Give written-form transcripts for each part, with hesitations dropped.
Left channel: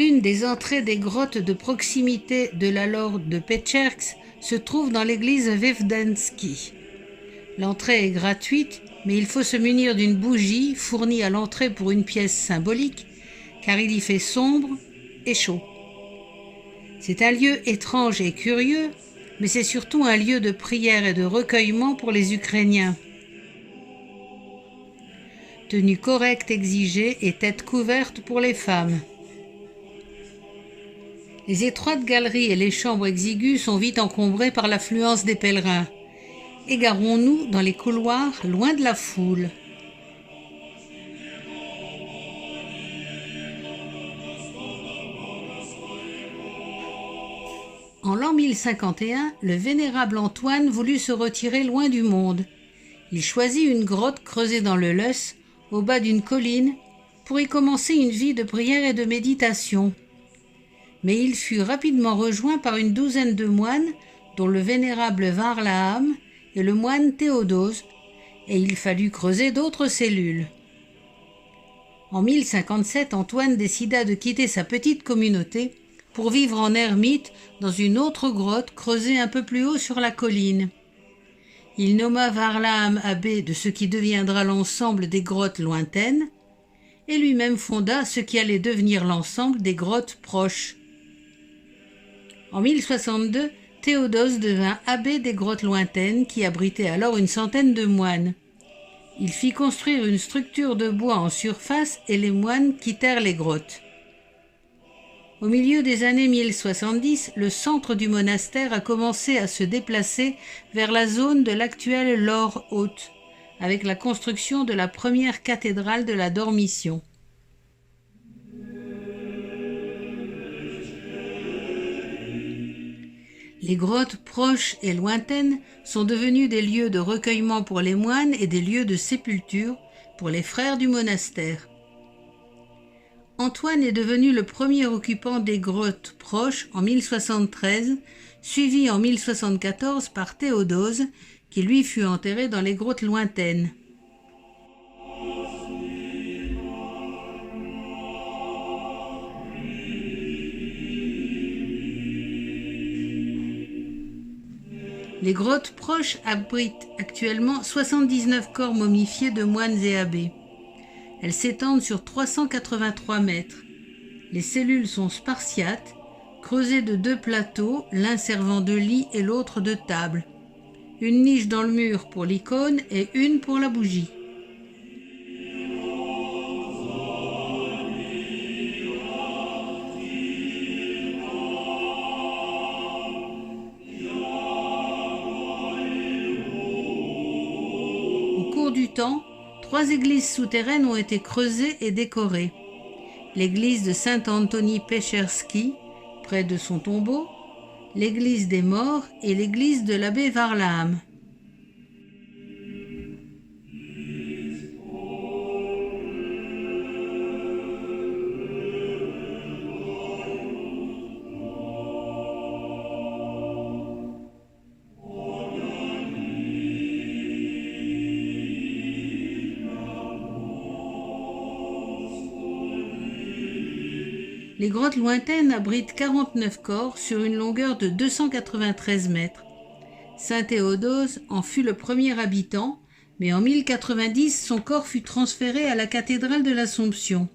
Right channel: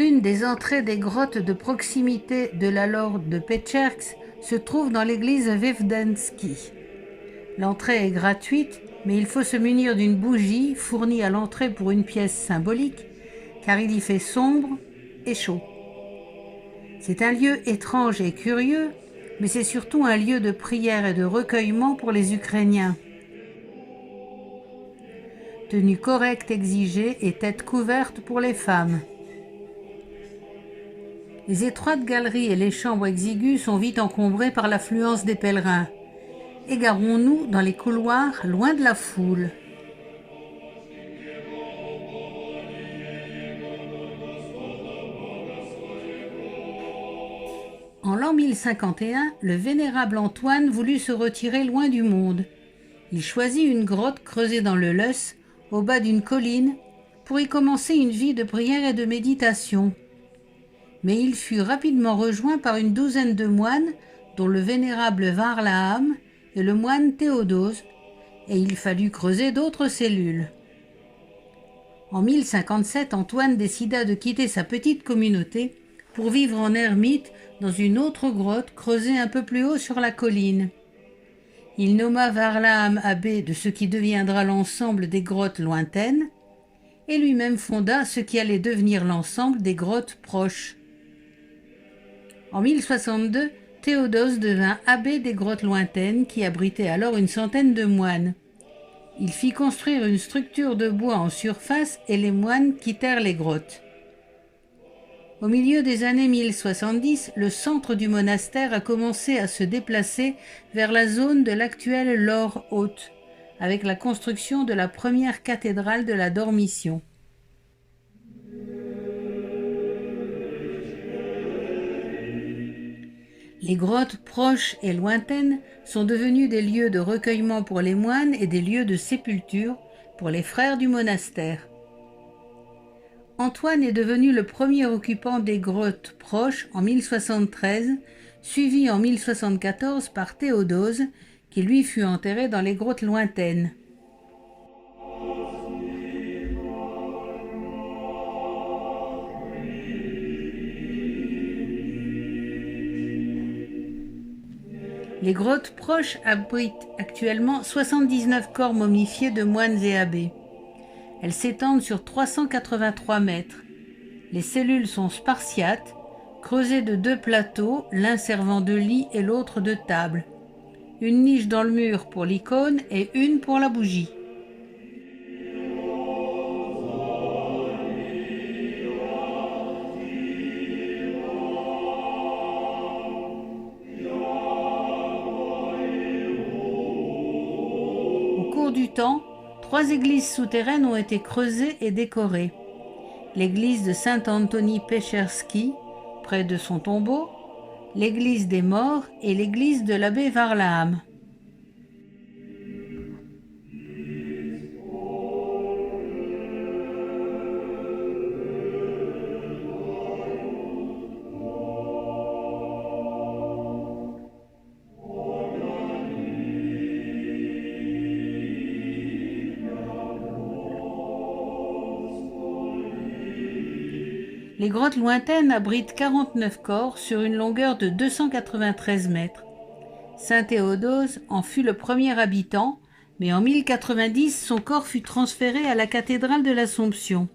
L'une des entrées des grottes de proximité de la Lorde de Petchersk se trouve dans l'église Vevdansky. L'entrée est gratuite, mais il faut se munir d'une bougie fournie à l'entrée pour une pièce symbolique, car il y fait sombre et chaud. C'est un lieu étrange et curieux, mais c'est surtout un lieu de prière et de recueillement pour les Ukrainiens. Tenue correcte exigée et tête couverte pour les femmes. Les étroites galeries et les chambres exiguës sont vite encombrées par l'affluence des pèlerins. Égarons-nous dans les couloirs, loin de la foule. En l'an 1051, le vénérable Antoine voulut se retirer loin du monde. Il choisit une grotte creusée dans le Leuce, au bas d'une colline, pour y commencer une vie de prière et de méditation. Mais il fut rapidement rejoint par une douzaine de moines, dont le vénérable Varlaam et le moine Théodose, et il fallut creuser d'autres cellules. En 1057, Antoine décida de quitter sa petite communauté pour vivre en ermite dans une autre grotte creusée un peu plus haut sur la colline. Il nomma Varlaam abbé de ce qui deviendra l'ensemble des grottes lointaines, et lui-même fonda ce qui allait devenir l'ensemble des grottes proches. En 1062, Théodose devint abbé des grottes lointaines qui abritaient alors une centaine de moines. Il fit construire une structure de bois en surface et les moines quittèrent les grottes. Au milieu des années 1070, le centre du monastère a commencé à se déplacer vers la zone de l'actuelle Loire Haute, avec la construction de la première cathédrale de la Dormition. Les grottes proches et lointaines sont devenues des lieux de recueillement pour les moines et des lieux de sépulture pour les frères du monastère. Antoine est devenu le premier occupant des grottes proches en 1073, suivi en 1074 par Théodose, qui lui fut enterré dans les grottes lointaines. Les grottes proches abritent actuellement 79 corps momifiés de moines et abbés. Elles s'étendent sur 383 mètres. Les cellules sont spartiates, creusées de 2 plateaux, l'un servant de lit et l'autre de table. Une niche dans le mur pour l'icône et une pour la bougie. Au cours du temps, 3 églises souterraines ont été creusées et décorées. L'église de Saint-Anthony Pescherski, près de son tombeau, l'église des morts et l'église de l'abbé Varlaam. Les grottes lointaines abritent 49 corps sur une longueur de 293 mètres. Saint Théodose en fut le premier habitant, mais en 1090, son corps fut transféré à la cathédrale de l'Assomption.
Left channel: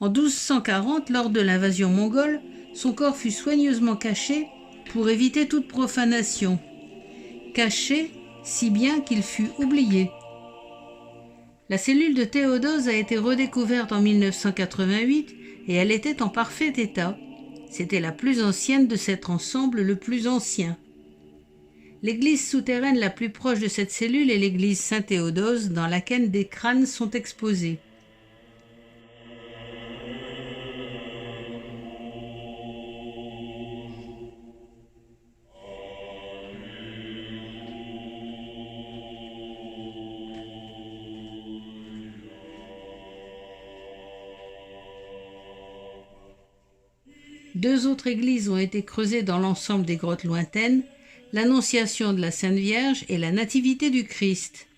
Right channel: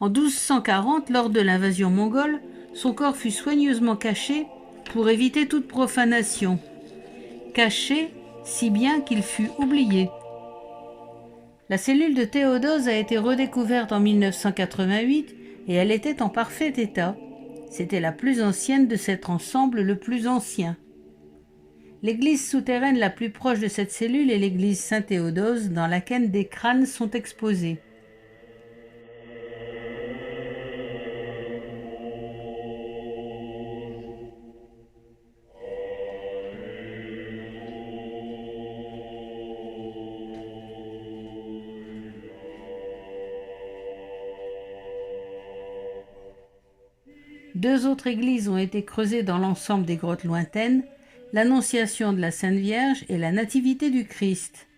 En 1240, lors de l'invasion mongole, son corps fut soigneusement caché pour éviter toute profanation. Caché, si bien qu'il fut oublié. La cellule de Théodose a été redécouverte en 1988 et elle était en parfait état. C'était la plus ancienne de cet ensemble, le plus ancien. L'église souterraine la plus proche de cette cellule est l'église Saint-Théodose, dans laquelle des crânes sont exposés. Deux autres églises ont été creusées dans l'ensemble des grottes lointaines, l'Annonciation de la Sainte Vierge et la Nativité du Christ.